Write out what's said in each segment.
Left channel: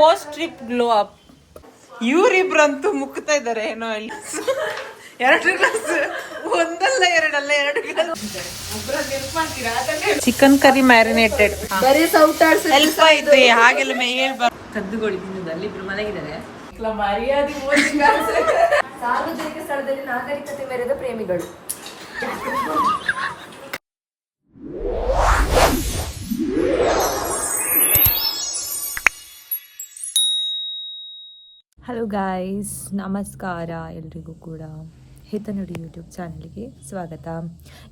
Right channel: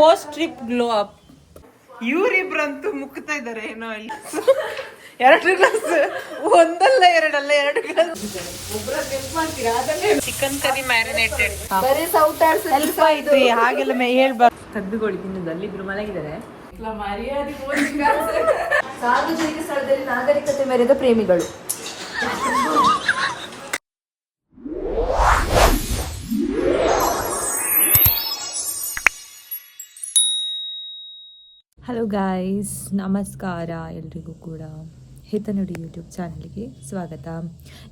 Post trip glow up. ಇವರಿಬ್ರಂತೂ ಮುಕ್ತಾ ಇದಾರೆ ಏನೋ ಅಲ್ಲಿ. 2 ಗ್ಲಾಸ್, ಒಂದಲ್ಲ ಎರಡಲ್ಲ 2 glass. Chicken curry marinated. Help ಆಯ್ತು ಹಾಗೆಲ್ಲ ಹೇಳ್ಬಾರ್ದು. ಕದ್ದುಗಳು ತಿನ್ನುದು ಅಲ್ಲಿಬ್ರು ಮಲಗಿದ್ದಾರೆ. ಸಾರ್ವಜನಿಕ ಸ್ಥಳದಲ್ಲಿ ನಾಗರಿಕತೆ ಮೆರೆದ ಪ್ರೇಮಿಗಳು. ಹಲೋ ಗಾಯ್ಸ್, ನಮಸ್ಕಾರ ಎಲ್ರಿಗೂ ಕೂಡ ಹಿತನುಡಿ ಯೂಟ್ಯೂಬ್ ಚಾನಲ್ಗೆ ಸ್ವಾಗತ.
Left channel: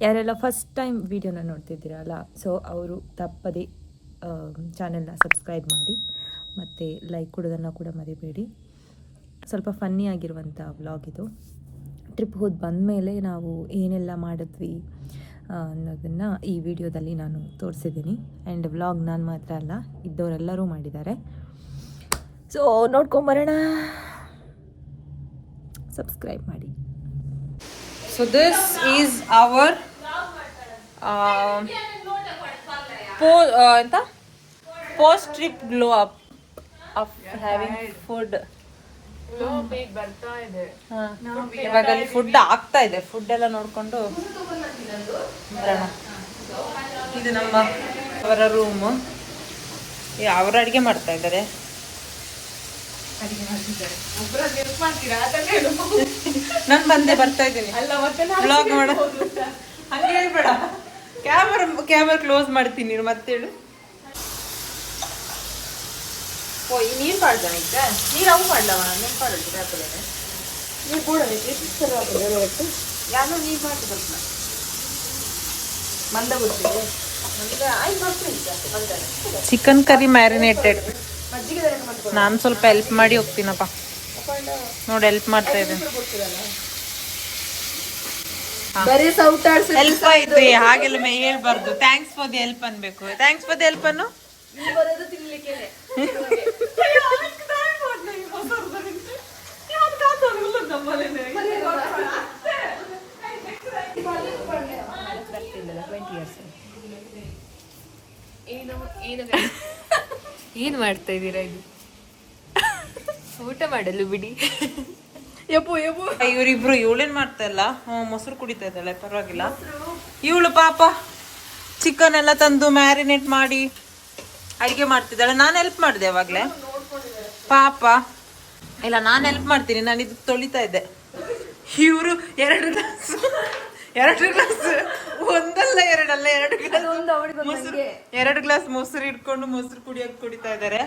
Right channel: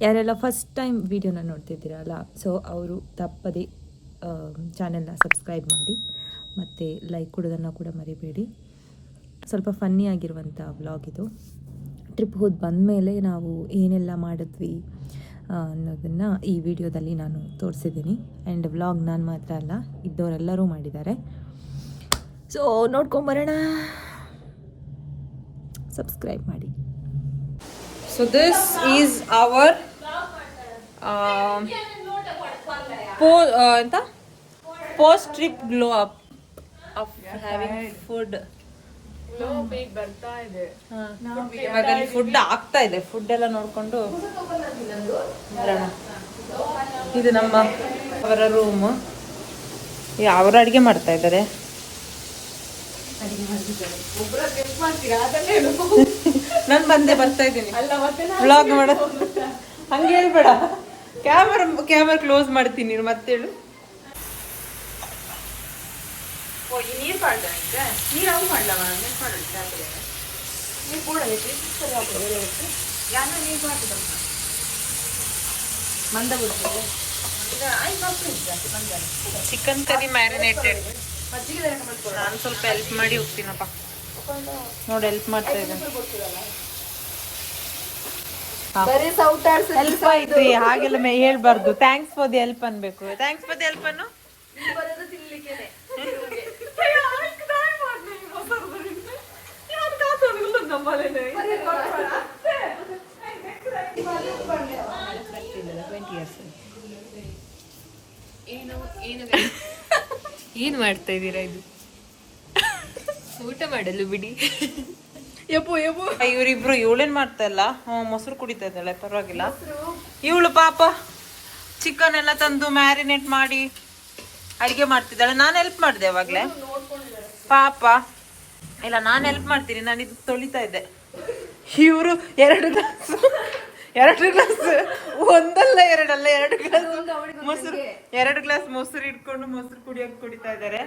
ಯಾರೆಲ್ಲ ಫಸ್ಟ್ ಟೈಮ್ ವಿಡಿಯೋನ ನೋಡ್ತಿದ್ದೀರಲ್ಲ, ಸೊ ಅವರು ತಪ್ಪದೆ ಚಾನೆಲ್ನ ಸಬ್ಸ್ಕ್ರೈಬ್ ಮಾಡಿ ಮತ್ತು ಲೈಕ್ ಕೊಡೋದನ್ನು ಕೂಡ ಮರಿಬೇಡಿ. ಸ್ವಲ್ಪ ಫನ್ನಿ ಆಗಿರುವಂಥ ವ್ಲಾಗ್ ಇದು. ಟ್ರಿಪ್ ಹೋಗಿ ಬಂದಮೇಲೆ ನಾವು ಏನೆಲ್ಲ ಮಾಡಿದ್ವಿ ಅನ್ನೋದನ್ನು ಈ ವಿಡಿಯೋದಲ್ಲಿ ನಾನು ತೋರಿಸಿದ್ದೀನಿ. ಆ್ಯಂಡ್ ವ್ಲಾಗ್ ನಾನು ಮಾತ್ರ ಅಲ್ಲ, ಇದ್ದವರೆಲ್ಲರೂ ಮಾಡಿದ್ದಾರೆ. ಸೊ ನೋಡ್ಕೊಂಬರೋಣ, ಸಬ್ಸ್ಕ್ರೈಬ್ ಮಾಡಿ. ಸೊ ದಿಸ್ ಈಸ್ ಅವರ್ ಎಂತ post trip glow up of having food. ಇವಾಗ ಫುಡ್ ಆಗ್ತಾ ಇದೆ. ಫುಡ್ ಎಲ್ಲ ನೋಡ್ಕೊಂಡು ಬರೋಣ. ಇದು ನಮ್ಮ ಅವರ ರೂಮ್. ಅವ್ರ ಅಡಿಗೆ ಮಾಡ್ತಾ ಇದ್ದಾರೆ. ನಾನು ಬಂದೆ, ಬರ್ತಾ ಇದ್ದೀನಿ ವ್ಲಾಗ್ ಮಾಡ. ಹಂಗೆ ಹೇಳ್ಬೇಡ, ಕ್ಯಾಮರಾ ಕ್ಲೋಸ್ ಮಾಡ್ತೀನಿ ನೀನು ಮತ್ತೆ ಹೇಳು. ಓ ಈ ನೀರು ಮಾಡ್ದೆ ಈಗ. ನೀರು ಅವು ಮಾಡವ ನೀರು ಮಾಡಿದ್ರೆ ನೀರು ಕೂಡ ಯಾವ ನೀರು ಹಾಕಿ ಮಂದ ಬಿಡ್ತೀವಿ. Chicken curry marinated. ನಾನು ಸ್ವಲ್ಪ ಹೆಲ್ಪ್ ಮಾಡಿ ಹೋಗ್ತೀನಪ್ಪ. ನೋಡಿ ಹೆಲ್ಪ್ ಮಾಡ್ತಾ ಇದ್ದೇನೆ. ಹೆಲ್ಪ್ ಆಯ್ತು ಹಾಗೆಲ್ಲ ಹೇಳ್ಬಾರ್ದು. ಥ್ಯಾಂಕ್ಸ್ ಫಾರ್ ದಿ ಹೆಲ್ಪ್ ಅನ್ಬೇಕು. ಥ್ಯಾಂಕ್ಸ್ ಫಾರ್ ದಿ ಹೆಲ್ಪ್ ಅನ್ನು. ಏನ್ ಮಾಡ್ತಾ ಇದ್ದೀರಾ? ಇದು ಊಟ ಮಾಡಲು ಬಿಡಿ. ಇವರಿಬ್ರು ಇವಳೇನ್ ಮಾಡ್ತಾ ಇಲ್ಲ, ಮೊಸರು ಕುಡಿತಾ ಇದ್ದಾಳೆ. ಪರವಾಗಿಲ್ಲ. ಇವಳು ಪಾಪ ಚಿಕನ್ ಎಲ್ಲ ತಂದು ಮ್ಯಾರಿನೇಟ್ ಮಾಡಿ ಅಡಿಗೆ ಮಾಡ್ತಿದ್ದಾಳೆ. ನಾನು ಹೆಲ್ಪ್ ಮಾಡಿದೆ ಅವಾಗ್ಲೇ. ಪಾಪ ಇಲ್ಲ, ನಾನು ಹೆಲ್ಪ್ ಮಾಡ್ತೀನಿ. ನಾನು ಇದು ತೊಳಿತಾ ಇದ್ದೆ. ಇವರು 2 ಗ್ಲಾಸ್, ಒಂದಲ್ಲ ಎರಡಲ್ಲ 2 ಗ್ಲಾಸ್ ಮೊಸರು, 2 ಗ್ಲಾಸ್ ಮೊಸರು ಇಟ್ಕೊಂಡು ಮೊಸರು ಕುಡಿತಾ ಇದ್ದಾರೆ.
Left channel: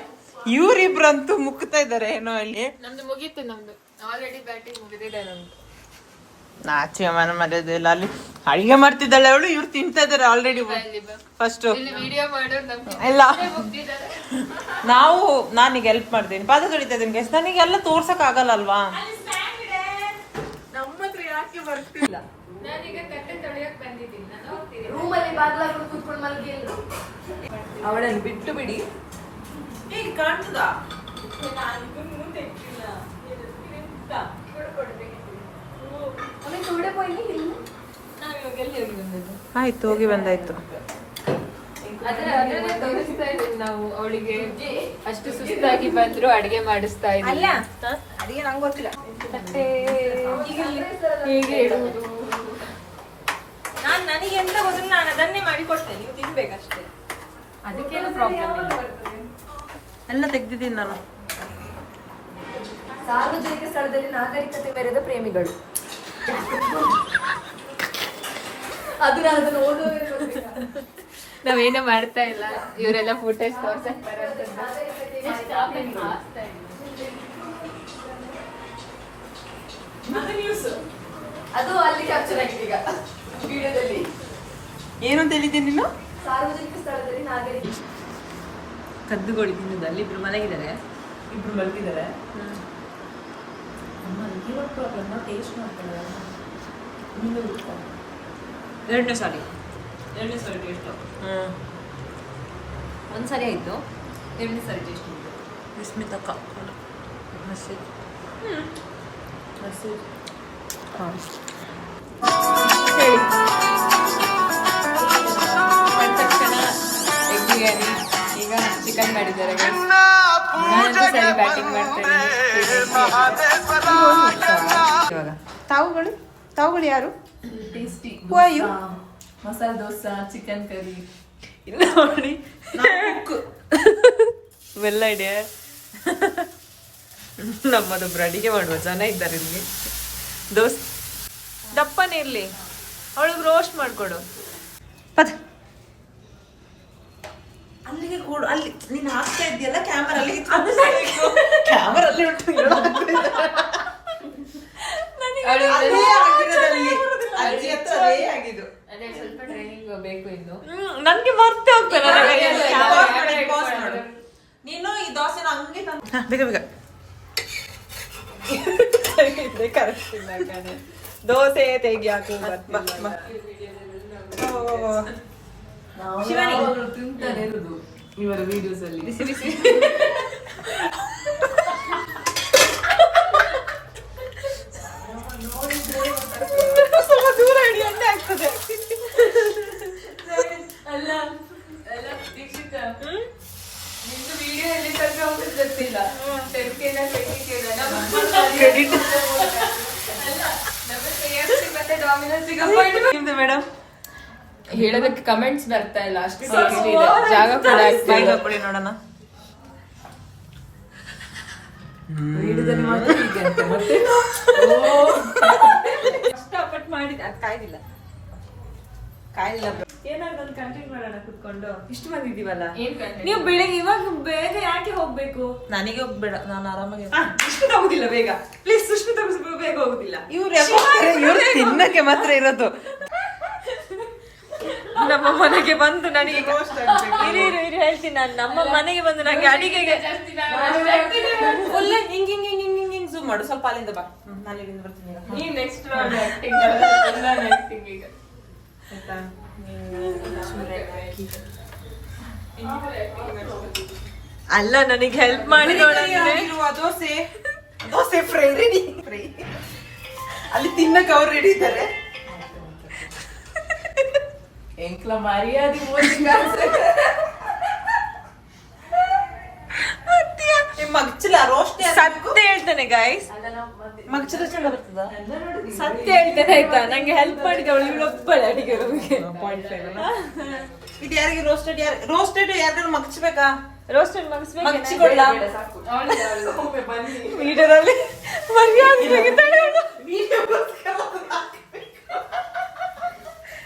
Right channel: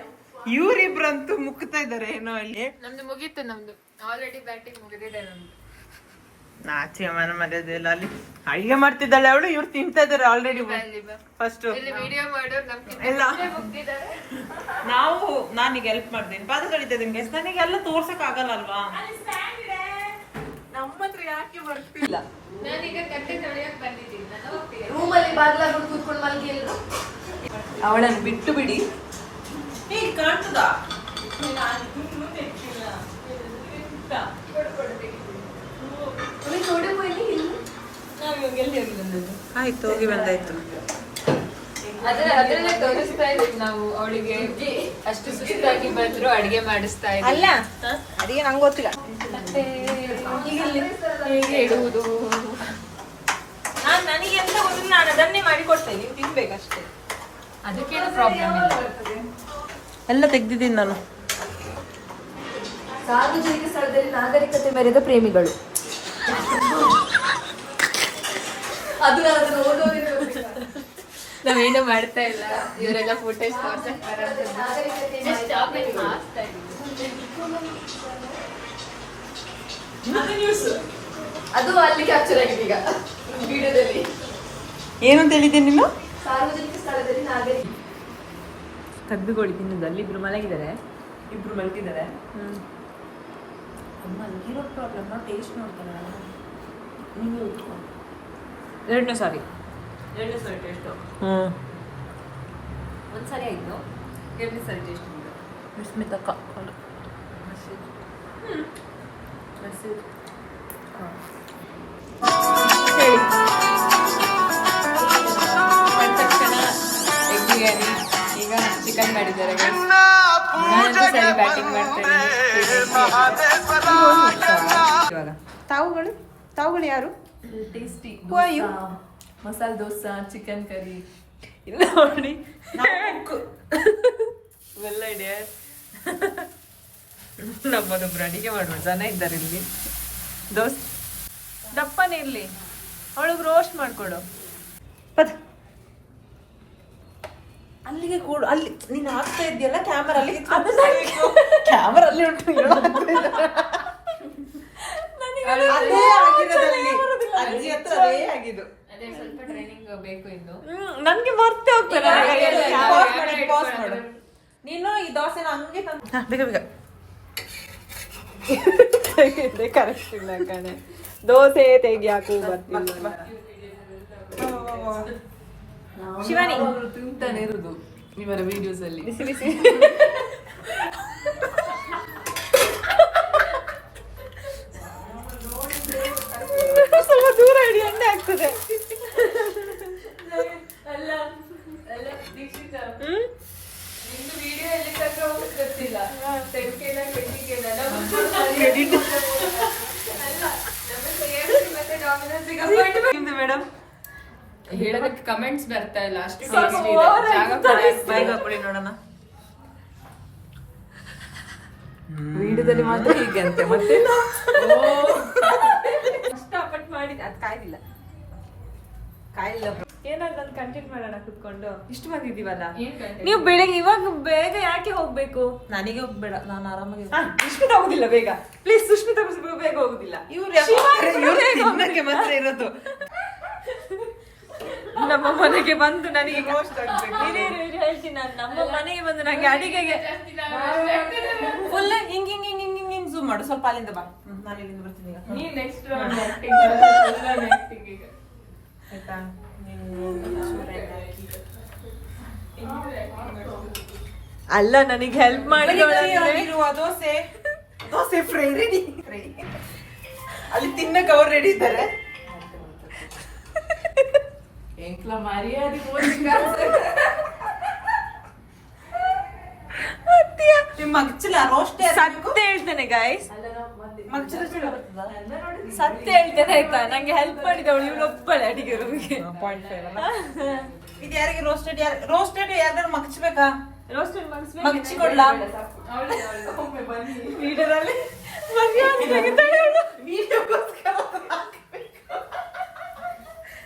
ಇವರಿಬ್ರಂತೂ ಮುಕ್ತಾ ಇದ್ದಾರೆ ಏನೋ ಅಲ್ಲಿ. ನಮ್ದು ಮುಗೀತು, ನಮ್ದು ಆಲ್ರೆಡಿ ಬ್ಯಾಟಿಂಗ್ ಮುಗಿದಿದೆ. ನಮ್ದು ನಾಚಿ ಮನ ಮರ್ಯಾದಿಲ್ಲ. ಅಲ್ಲಿ ಅಡಿಗೆ ಮಾಡ್ತಿದ್ದಾಳೆ ಅವಳು, ಇವ್ರು ತಿಂತಾ ಇದಾರೆ ಆಲ್ರೆಡಿ. ಫಸ್ಟ್ ಇಲ್ಲ, ನಾನೀಗ ಹೆಲ್ಪ್ ಮಾಡ್ತೀನಿ, ಪಾದ ತೊಳಿತಾ ಇದ್ದೀನಿ. ನನಗೆಲ್ಲ ತೋರ್ಸಕ್ ಆಗಲ್ಲ ಅಲ್ವಾ. ನಮ್ಮ ಹತ್ರ ಯಾಕೆ ಬರ್ತಿಲ್ಲ? ಅವಳನ್ನು ಬಿಟ್ಟು ಬಿಡಿ. ಕಾಣ್ತದಾ? ಆಯ್ತು, ಹೋಗಿ ಬಂದಾಯ್ತು. ಅದರಲ್ಲೇ ತೋರಿಸ್ತಾ ಇದ್ದೀವಿ ನಾವು ಅವಳಿಗೆ. ಅಷ್ಟು ಸುಸ್ತಾಗಿ ಬಂದ್ರು ಅಡಿಗೆ ಮಾಡಿಸ್ತಾ ಇದ್ದೀವಿ. ಅಲ್ಲ ಅಡಿಗೆ ನಂಗೆ ಗೊತ್ತಿಲ್ಲ. ಮತ್ತೆ ಹೇಗೆ ಇಡುವುದು ನನಗೆ ಎಂತ ಗೊತ್ತಿಲ್ಲ. ನಾನು ಅದನ್ನೇ ಮಾಡಿ ಕೊಡ್ತೇನೆ, ನೀವು ತಿನ್ಬೇಕಷ್ಟೇ. ಅದಕ್ಕೇನು ಪ್ರಾಬ್ಲಮ್ ಇಲ್ಲ. ಎಲ್ಲ ತೆಗ್ದಿದ್ದೀನಿ ನಾನು. ಸಾರ್ವಜನಿಕ ಸ್ಥಳದಲ್ಲಿ ನಾಗರಿಕತೆ ಮೆರೆದ ಪ್ರೇಮಿಗಳು. ನಾವೇನು ಮಾಡ್ತಾ ಇಲ್ಲ, ಇವರೆಲ್ಲ ಫುಟೇಜ್ ಅದು ಅಲ್ಲಿ ಕ್ಯಾಪ್ಚರ್ ಆಗಿದೆ ಈಗ ವಿಡಿಯೋದಲ್ಲಿ. ಏನಂತ ಹೇಳಿದ್ದೀನಿ ನೀನು? ಸಾರ್ವಜನಿಕ ಸ್ಥಳದಲ್ಲಿ ನಾಗರಿಕ ಕದ್ದುಗಳು ತಿನ್ನುದು. ಅಲ್ಲಿಬ್ರು ಮಲಗಿದ್ದಾರೆ. ಇಬ್ರು ಮಲಗಿದ್ದಾರೆ. ಮಲಗಿರೋ ಪ್ರಾಬ್ಲಮ್ ಟೇಸ್ಟ್ ಮಾಡ್ತಾರೆ. ನೀನು ಇಟ್ಕೊ. 2ನೇ ಸಾರಿ ಟೇಸ್ಟು. ಒಂದ್ಸರಿ ಆಯ್ತು, 2ನೇ ಸರಿ ಟೇಸ್ಟ್ ವಿಸ್ಮಿತಕ್ಕ ಹಸಿ ಹಸಿ ಎಗ್ ಬಿರಿಯಾನಿ. ಈಗ ಚಿಕನ್ ಮಾಡಿದ್ದಾರೆ. ನಾನಂತೂ ಸರಿ ಬ್ಯಾಟಿಂಗ್ ಮಾಡ್ತೇನೆ. ಇವಾಗ ತಾವುಗಳು ಯಾರು? Tasty Who are you? ಮಸಾಲೆ ದೋಸಾ, ಚಿಕನ್ ಕರಿ. ಇಲ್ಲ ನೋಡಿ ವೆಲ್ ಐಡಿಯಾ. ನಮ್ಮದೊಬ್ರು ಅಡಿಗೆ ಮಾಡುವ ಜನ ಇದ್ದಾರೆ ಇಲ್ಲಿ. ದಪ್ಪನೇ ಇರ್ಲಿ, ಅವಳಿಗೆ ರೋಸ್ಟ್ ಮಾಡ್ಕೊಡು. ಅಲ್ಲಿಗೆ ಕೊಡು. ಅಲ್ಲಿ ನೀನು ಹಾಕ್ತಾ ಇದ್ದೀಯಲ್ಲ ಕ್ಯಾಮರಾ, ಅಲ್ಲಿಗೆ ಕ್ಯಾಮರಾ ಅಲ್ಲಿ ಉಂಟು. ಅದೇ ಸ್ವಲ್ಪ ಟ್ರೈನಿಂಗ್ ಬೇಕು ಇನ್ನು. ನನ್ಗೆ ಮರ್ತೆ ಹೋಗ್ತೇನೆ ನನ್ನ ಕೈಯಲ್ಲಿ ನೀನು ಈ ದೋಸೆನ ಹಂಗೆ ತಂದು ಬೇಗ ಬೇಗ. ಕರೆಕ್ಟ್ ಇಲ್ಲ ಕಣೆ, ದೋಸೆ ತೆಗಿ ಹಾಕು. ಶಿವಾನಿ ತಿಂತಾನೆ ಇರುದು ಇವರ ವಿಡಿಯೋಸ್ ಅಲ್ಲಿ. ದೂರ ಹಿಡಿ, ಎಣ್ಣೆ ಆಗ್ತದೆ. ಅಲ್ಲ ಅಲ್ಲ ದೀಕ್ಷಿತ, ನಿಂದು ವಿಡಿಯೋ ಎಲ್ಲಿ ತನಕ ಹೋಗುದು ಗೊತ್ತಿಲ್ಲ. 10K 20K ಕ್ರೆಡಿಟ್ ನಮ್ಮ KFC ಮತ್ತೆ ಡಾಮಿನೋಸ್ ನಿಮ್ದು ಮೇಡಮ್. ಹೇಳೋದಕ್ಕೆ ಕಮೆಂಟ್ಸ್ ಬರ್ತಾ ಇಲ್ಲ, ಅಷ್ಟು ಜಾಗ ಬೈಕ್ ಹಾಕೊಳ್ಳಿ ನೋಡೋಣ. ವಿಡಿಯೋದಲ್ಲಿ ಮಾತ್ರ ಹೀಗಂತೆ ಮತ್ತೆ ಕಷ್ಟಪಟ್ಟು ಮಾಡಿದ ಅದು ಕಾಯ್ದಿಲ್ಲ ಏನಾದ್ರು ಒಂದು ಕಂಟೆಂಟ್ ಮಾಡೋಣ ಕುತ್ಕೊಂಡು. ಇಷ್ಟು ಮಂದಿ ಇದೀವಲ್ಲ, ನೀವು ಬೆಳಿಗ್ಗೆ ಇವಾಗ ಬೇಗ ಯಾಕೆ ಹೋಗ್ಬೇಕು? ನನಗೆ ಹೋಗ್ಬೇಡ, ನಾನು ಆರಾಮಾಗಿ ಸುಷ್ಮಿತಾ ಹೋಗುದಿಲ್ಲ ಬೇಗ, ಪ್ಲೀಸ್. ಸುಷ್ಮಿತಾ ಬೇಗ ಹೋಗುದಿಲ್ಲ. ಇವ್ರು ತಿನ್ನಕ್ಕೆ ಮಾತ್ರ ಇರೋದು. ನಮ್ಮ ಮನೆಗೆ ಬಂದು ನನಗೆ ಇರಿ ಹೇಳ್ತೀನಿ ನಾನು. ನಮ್ಮ ಮನೆಗೆ ಬಂದು ನಂಗೆ ಅಡಿಗೆಗೆ ಫುಲ್ ಹಿಂಗ್ ಹಿಂಗ್ ಹಿಂಗ್ ಹಿಂಗ್ ಹಿಂಗ್ ಹಿಂಗ್ ಝೂಮ್ ಮಾಡು. ಸ್ವಲ್ಪ ಅಲ್ಲಿಂದ ಬಾ. ನಾನು ಇಲ್ಲಿಂದ ಬರ್ತೀನಿ ಈಗ. ನೀನ್ ನೆಕ್ಸ್ಟ್ ಈಗ ಆಯ್ತಾ? ಅಲ್ಲ, ನನಗೆ ಹೆಲ್ಪ್ ಮಾಡಿ dosa dosa fry ready. Fry ಅಲ್ಲಿ ತಿನ್ನಕ್ಕೆ ಅವ್ರು ರೆಡಿ ಇದ್ದಾರೆ. ಎಂಕ್ಲ ಮರ್ಯಾದೆ ಮಗ್ಚಲ ರೋಸ್ಟ್ ಸತ್ಯ ಹೇಳ್ತೇನೆ ಗೈಸ್, ಮಗ್ಚಲ ಚೆನ್ನಾಗಿರ್ತದ. ಸತ್ಯ ಹೇಳ್ತೇನೆ ಆಯ್ತಾ. ನಂಗೆ ಹೆಲ್ಪ್ ಮಾಡಿದವಳು ಇವಳೊಬ್ಬಳೆ ಅಡಿಗೆ ರೂಮಿಗೆ. ಇದು ಯಾರಿಗೆ ರೋಸ್ಟೆಡ್ ಯಾರು ಮಗ್ಚಬೇಕಾ? ರೋಸ್ಟೆಡ್ ಮಗ್ಚಿ ಕೊಡ್ಲಾ? ವಿಡಿಯೋದಲ್ಲಿ ಮರ್ಯಾದೆ ತೆಗಿತಾಳೆ ಅವಳು.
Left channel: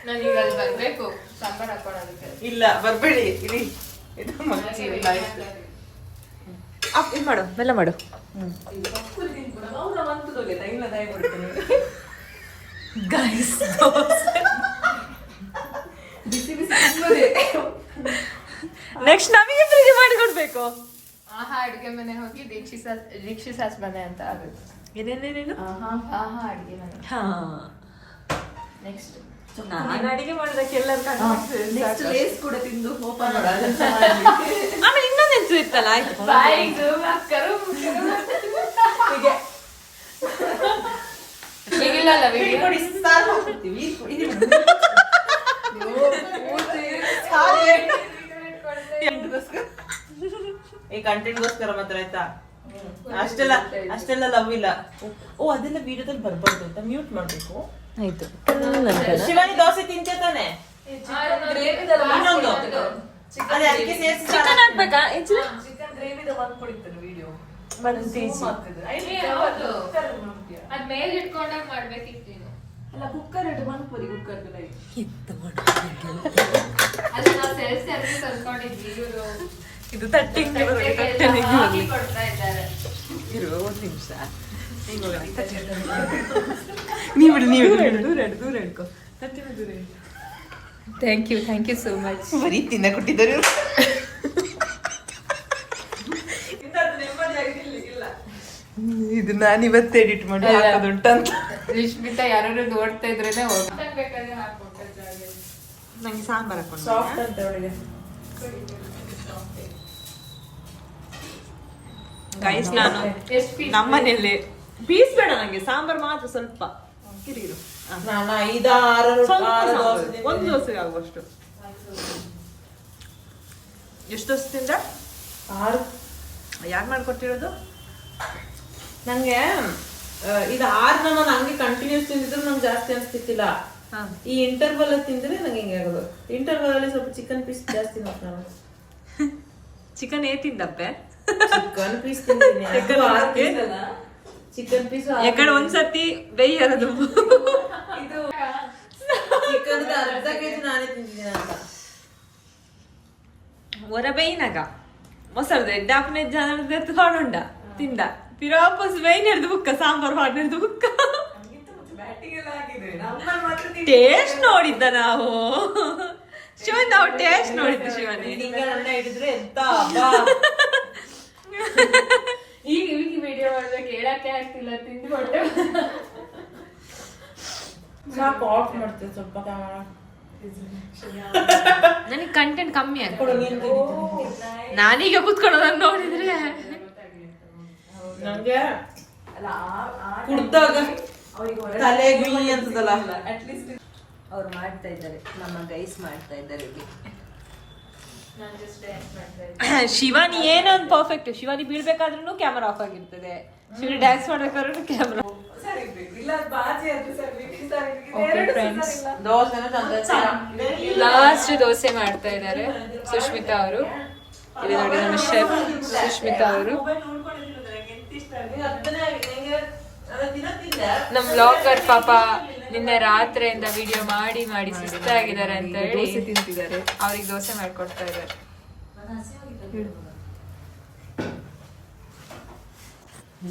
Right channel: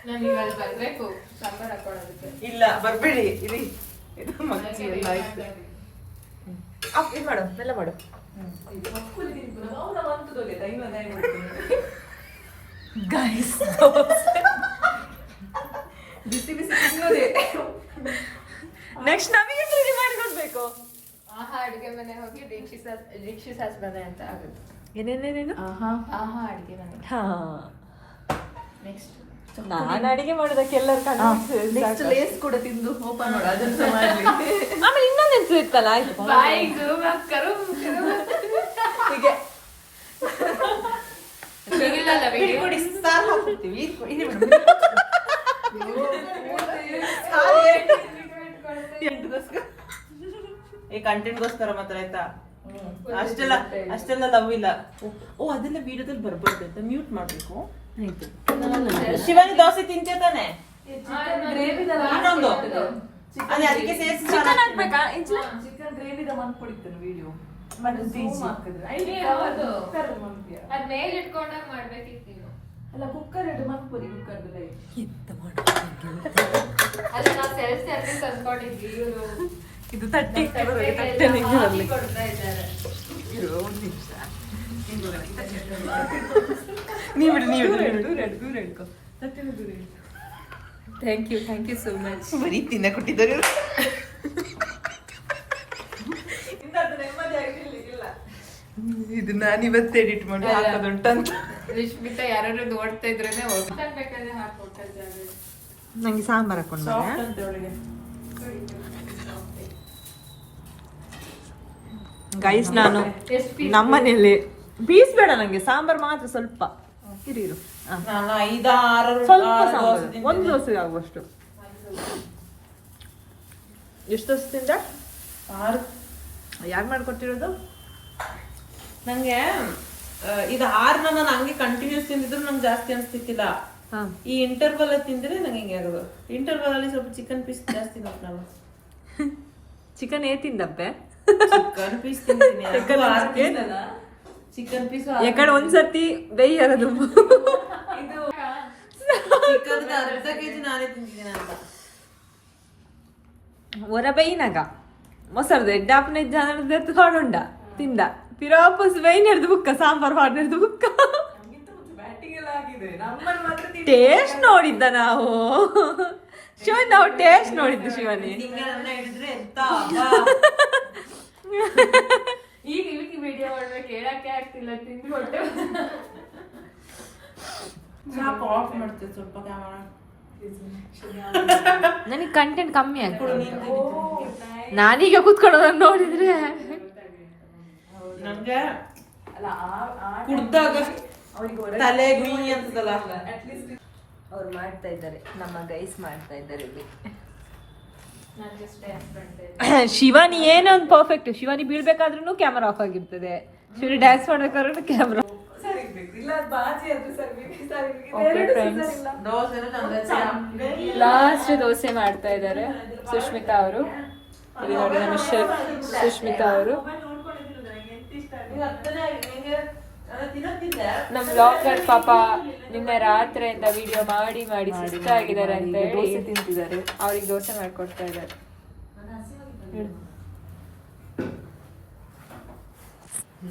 ನನಗೆ ಅಲ್ಲಿ ಬರ್ಬೇಕು ಸಾಂಬಾರ್ ಹಾಕೊಳ್ಳೋದಕ್ಕೆ. ಇಲ್ಲ ಬರ್ಬೇಡಿ, ಇರಿ. ಇದು ಮಗ್ಚಿ ಇಲ್ಲ. ಇದು ಮಾಡು, ಬೆಲ್ಲ ಮಾಡು. ಗೈಸ್ ನೆಕ್ಸ್ಟ್ ನಮಗೆ ಫ್ರೀ ಮಾಡಿಕೊಡ್ಬೇಕು. ಆಹಾ ಅಡಿಗೆ ಮನೆ ಹೋಗಿ ದೀಕ್ಷಿಸಾಸ್ ಮನೆ ಅಂತ ಆಗುತ್ತೆ. ಏನೇನೇನೇನು? ಆಹಾ ಅಡಿಗೆ ಮನೆ. ಹಾ, ನೆಕ್ಸ್ಟ್ ನಾನು ಅಡಿಗೆ ಮಾಡೋದಕ್ಕೆ ಎಲ್ಲರೂ ಲೇಸ್ ಕೂಡ ತಿಂದು ಓಪನ್ ಮಾಡೋದು. ಆಮೇಲೆ ಇನ್ನೊಂದೆಂತು ಇತ್ತಲ್ಲ. ಆಯ್ತು, ಹೇಗಿಲ್ಲಲ್ಲ ವಿಡಿಯೋ ಕೊಡಿ, ಸಾರು ಹಾಕ್ಬಿಡ್ತೀವಿ. ಈ ಕಂಟೆಂಟ್ಗೋಸ್ಕರ ಮಾತ್ರ ಆಯ್ತಾ? ಅಷ್ಟೆಲ್ಲ ಲವ್ ಇಲ್ಲ. ಓ ಅದೆಲ್ಲ ವಿಡಿಯೋದಲ್ಲಿ ಬರ್ಬಾರ್ದು ಅಂತ ಮ್ಯೂಟ್ ಮಾಡ್ಬೇಕು. ಆಯ್ತು. ಶಿವಾನಿ ದೋಸೆ ತಿಂತೀಯ ತಾನೆ? ಇನ್ನೊಂದು ಅದೇ ಅದಕ್ಕೆ ಸೇರಿಸಿ ಚಿಕನ್ ಹಾಕ್ಬೇಕಾ? ಚಿಕನ್ ಗ್ರೇವಿದ ಒಂದು ಕುಡಿತಾರೆ ವಿಡಿಯೋ ಅದ್ ಮೇಲೆ ಇಟ್ಕೊಂಡಾಗ ಮಾಡ್ಬೇಕಿತ್ತು ನೀನು. ಅಲ್ಲ ಕುಕ್ಕರ್ ಇಡು, ಮನ್ಪುರಿ ಕುಕ್ಕರ್ ಅದು ನಾವು ಸೇರಿಸಿ ಅದನ್ನ ತಂದ್ಕೊಂಡಿದ್ವಿ. ಇವರು ಇದು ತಟ್ಟಿಂಗ್ ಬರ್ಲಿ. ಕೊಡ್ತಾ ಇದ್ದಾರೆ. ಇರು ಒಂದು ನಿಮಿಷ. ನೀವು ದೂರ ಹಿಡ್ಕೊ. Thank you so much. ಬರೀ ತಿನ್ನ ಕೊಟ್ಟಿದ್ದಾರೆ. ಇದು ನಾನು ಇವತ್ತು ಎಡಿಟ್ ಮಾಡಿ ಹಾಕೋದುಂಟಂತ. ರಿಶ್ಮಿತಾ ಯಾರು ನೋಡ್ತಾ ಇದ್ರೇನೆ ಬೇಕಾದ್ರೆ ಹಾಕೊಡ್ತಾರೆ. ನಂಗೆ ಸಾಂಬಾರ್ ಹಾಕೊಂಡು ಸಾಫ್ಟ್ ಅಂತ ಒಳಗೆ. ಗೈಸ್, ನಾನು ನಮ್ಮನೇಲಿ ಪೀಸ್ ಬೇಡ ನಂಗೆ, ಸಾಂಬಾರ್ ಮಾತ್ರ ಸ್ವಲ್ಪ. ನಾನು 5-6 ದೋಸೆ ಒಂದು ದೋಸೆ ಆಗುವಷ್ಟು. ಎಷ್ಟು ದೋಸೆ ತಿಂದ? 6. ಯಾರು ಮಾಡ್ಕೊಟ್ಟಿರೋದು? ನಂಗೆ ಇದು 6 ನಾನು ಹಂಗೆ ಕಂಟಿನ್ಯೂಸ್ ತಿಂದಿದ್ರು ನಂಗೆ ಜಾಸ್ತಿ ಅನ್ಸ್ತಿತ್ತಿಲ್ಲ. ಈ ಇಂಟರ್ವಲ್ ತಿಂದ್ರೆ ನಂಗೆ ಹಿಂಗೆ ಆಗೋದು. ಇಂಟರ್ವಲ್ ಅಲ್ಲಿ ಸ್ವಲ್ಪ ಚಿಕನ್ ಪೀಸ್ ಜಾಸ್ತಿ ನೋಡ್ತಾವ. ಚಿಕನ್ ತಿಂದಪ್ಪೆ? ಚಿಕನ್ ಪೀಸ್ ತಿಂತೀನಿ, ಅದು 6 ಪೀಸ್ ಚಿಕನ್ ಪೀಸ್. ಯಾಕಂದ್ರೆ ಒಂದ್ಸತಿ ಬೇಯರದು ಇದು ಚಿಕನ್ ಅರ್ಧ ಕೆಜಿ ನಾನೇ ತಿಂತಿದ್ದೀನಿ ಅಂತ. ಒರ ಬೇಯಿನಾಗ ಮೊಸರು ಎಡ್ಡಾಪನೆ ಜಾನ ತಗೊಂಡ ತಿಂದ ಪಿರಾಪಸ್ ಬೇಯಿನಡ್ದು ಬುಕ್ಕ ಸಾಂಬಾರು ಮಾಡಿರ್ದು ಬುಕ್ಕ ಬ್ಯಾಟಿಗೆಲ್ಲ ಆಗಿದೆ. ನಮ್ಮಲ್ಲಿ ಮಾತ್ರ ಟೇಸ್ಟ್ ನೋಡಿದ್ದ ನಾವು. ಶಿವನ್ ನಾವು ಟೇಸ್ಟ್ ನೋಡಿದ್ದು ಶಿವನಿ. ಹಿಂಗೆ ನನ್ನ ಹಿಡಿದ್ರೆ ಎಂತ ಹಬ್ಬ. ಈಗ ವಿಡಿಯೋ ಮಾಡ್ಬೇಕು ಹೇಳಕ್ಕೆ ಆಗ್ತಿಲ್ಲ, ತಿಂದು ಹೊಟ್ಟೆ ಸಾಕು, ಆಫ್ ಮಾಡ್ತೇವೆ ಸ್ವಲ್ಪ ಕ್ಯಾಮರಾ. ನನಗೆ ಕಂಟೆಂಟ್ ಕಮ್ಮಿ ಆಗ್ತದೆ. ನಾನೀಗ ಕೂತ್ಕೊಳ್ಳೋದನ್ನ ನೋಡಿದ್ರೆ ನಂಗೆ ಕುಡ್ದಾಗ ತಲೆ ಗ್ರೀನ್ ಅಂತದಲ್ಲ. ಅವ್ರು ಮಾಡ್ತಾ ಇದ್ದಾರೆ, ನಮ್ಮ ಗೈಸ್ ಮಾಡ್ತಾ ಇದ್ದಾರೆ ಇಲ್ಲಿ. ಶಿವಾನಿ ಏನೊಂದು ಪರ್ಫೆಕ್ಟ್. ಶಿವಾನಿ ಬೀಳ್ಬೇಕಾದ್ರೂ ಕ್ಯಾಮರಾ ಆಫ್ ಆಗಿರ್ತದೆ, ಶಿವಾನಿ ಡ್ಯಾನ್ಸ್ ಮಾಡ್ಬೇಕಾದ್ರೂ ಕ್ಯಾಮರಾ. ಲಾಸ್ಟ್ ದೋಸೆ ಮಾಡ್ತಾ ಇದ್ದಾರೆ ಸುಷ್ಮಿತಾ ಅವರು. ಸುಷ್ಮಿತಾ ಅವರು ನಮ್ ಬ್ಲಾಗರ್ ಪಾಪ ನಿನ್ನೆ ರಾತ್ರಿಯಿಂದ ವಿಡಿಯೋ ಮಾಡಿ ಮಾಡಿ ಸುಸ್ತಾಗಿದ್ದಾರೆ ಅಂತ ಹೇಳಿ ದೋಸೆ ತಿಂತಿದ್ದಾರೆ. ಅವ್ರಿಗೆ ದೋಸೆ ಮಾಡ್ಕೊಡ್ತಾ ಇದ್ದಾರೆ.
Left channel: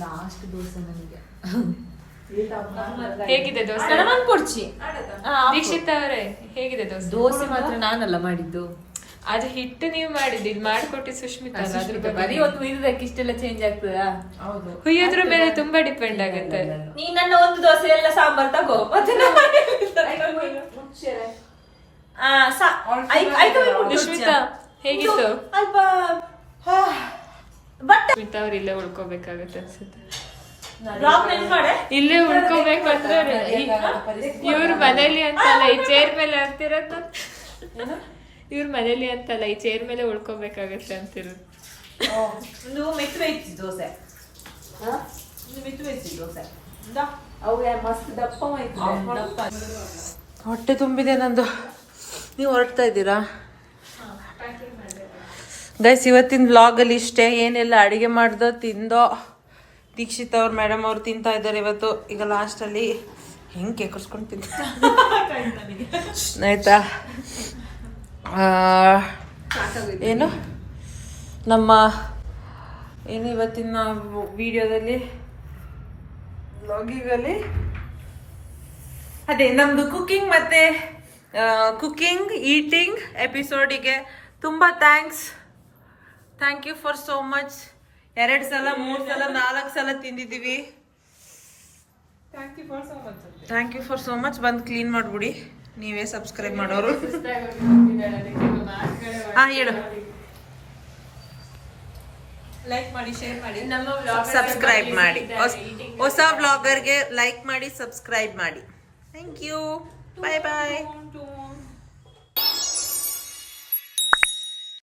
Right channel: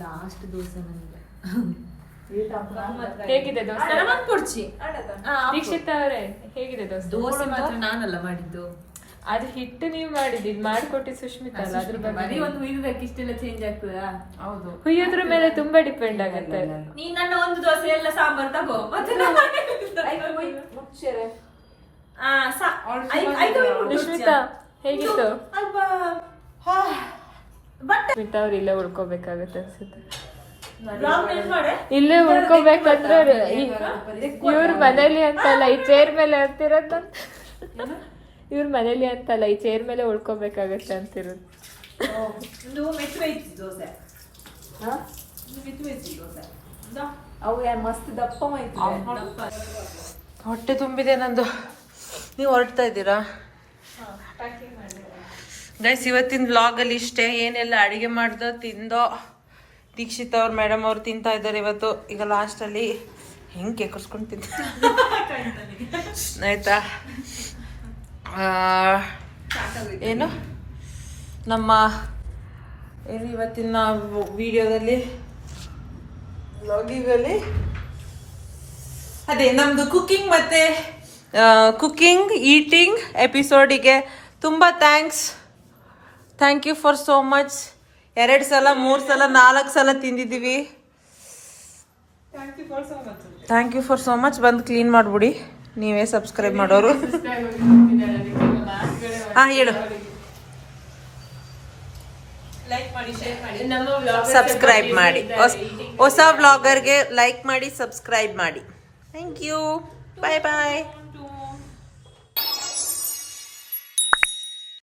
ಲಾಸ್ಟ್ ದೋಸೆ ನನಗೆ ಹೇಗಿದೆ ದೋಸೆ? ಕೊಡ್ಚಿ ದೀಕ್ಷಿತ್ ಅವರೇ ಹೇಗಿದೆ ದೋಸೆ? ದೋಸೆ ಮಾತ್ರ ನಾನಲ್ಲ ಮಾಡಿದ್ದು, ಅದು ಹಿಟ್ಟು ನೀವು ಮಾಡಿದ್ದು, ಇದು ಮಾಡ್ಕೊಟ್ಟಿದ್ದು ಸುಷ್ಮಿತಾ ಅಲ್ಲ. ಅದ್ರ ಬಗ್ಗೆ ಒಂದು ಇರೋದಕ್ಕೆ ಇಷ್ಟೆಲ್ಲ ಚೇಂಜ್ ಆಗ್ತದಾ? ಹೌದು, ಹುಯ್ಯೋದ್ರ ಮೇಲೆ ತುಂಬಾ ಡಿಪೆಂಡ್ ಆಗುತ್ತೆ. ನೀ ನನ್ನ ಒಂದು ದೋಸೆ ಎಲ್ಲ ಸಾಂಬಾರ್ ತಗೋ ಮತ್ತೆ ಸುಷ್ಮಿತಾ ಹೇಗಿತ್ತು? ಸುಷ್ಮಿತಾ ಅವ್ರು ಇಲ್ಲೇ ಉಳ್ಕೋಬೇಕಾಗತ್ತೆ ಅನ್ಸುತ್ತೆ. ಇಲ್ಲೇ ಉಳ್ಕೋಬೇಕಂದ್ರೆ ಇವ್ರ ಮನೇಲಿ ಅಂತಲ್ಲ ಈ ಚೇರ್ ಮೇಲೆ ಅಂತಿರೋದು. ಇವ್ರ ಮನೇಲಿ ಅಂತಲ್ಲ ಈ ಚೇರ್ ಮೇಲೆ ಉಳ್ಕೋಬೇಕಾಗತ್ತೆ ಅಂತಿರೋದು. ಹೊಟ್ಟೆ ತುಂಬಿದೆ ನಂದು. ನೀವು ಹೊರಡ್ತಾ ಇದ್ದೀರಾ ಗೈಸ್? ಇವತ್ತಿನ ವ್ಲಾಗ್ ಅಲ್ಲಿ ಇಷ್ಟೇ. ಏನೆಲ್ಲ ಅಡಿಗೆ ಮಾಡ್ದೋ ತಿಂದೋ. ದೀಕ್ಷಿತ್ ಅವ್ರು ಮೇಡಮ್ ಅವ್ರು ತಿಂತಾ ಇದ್ದಾರೆ ಇವತ್ತು. ಈಗ ಲಾಸ್ಟ್ ಅಲ್ಲಿ ಹೆಂಗೆ ಕೇಕರ್ಸ್ಕೊಂಡು ತಿಂತ ಆಯ್ತಾ? ಏನು ನಮ್ಮ ಏನು ಇವತ್ತಿನ ವಿಡಿಯೋದಲ್ಲಿ ವ್ಲಾಗಿಗಲ್ಲಿ ಅದೇ ನಮ್ದು ಕುಕಿಂಗ್ ಮತ್ತೆ ಕುಕಿಂಗ್ ಈಟಿಂಗ್ ಎಪಿಸೋಡಿಗೆ ತುಂಬ thank you for so much. 2 ಸಲ 3 ಸಲ 4 ಸಲ ತಿಂದಿದ್ದೀವಿ. Thank you for so much. ಬಂದು ಕ್ಲೀನ್ ಮಾಡ್ಬಿಡಿ ನೀವೇ ಸಬ್ಸ್ಕ್ರೈಬ್ ಮಾಡೋರು. ಹೇಳು. ಲೈಕ್ ಮಾಡಿ, ಶೇರ್ ಮಾಡಿ, ಸಬ್ಸ್ಕ್ರೈಬ್ ಮಾಡಿ. ಹೊಸ ವ್ಲಾಗರ್ಗೆ ಲೈಕ್ ಮಾಡಿ, ಸಬ್ಸ್ಕ್ರೈಬ್ ಮಾಡಿ. Thank you. Bye bye.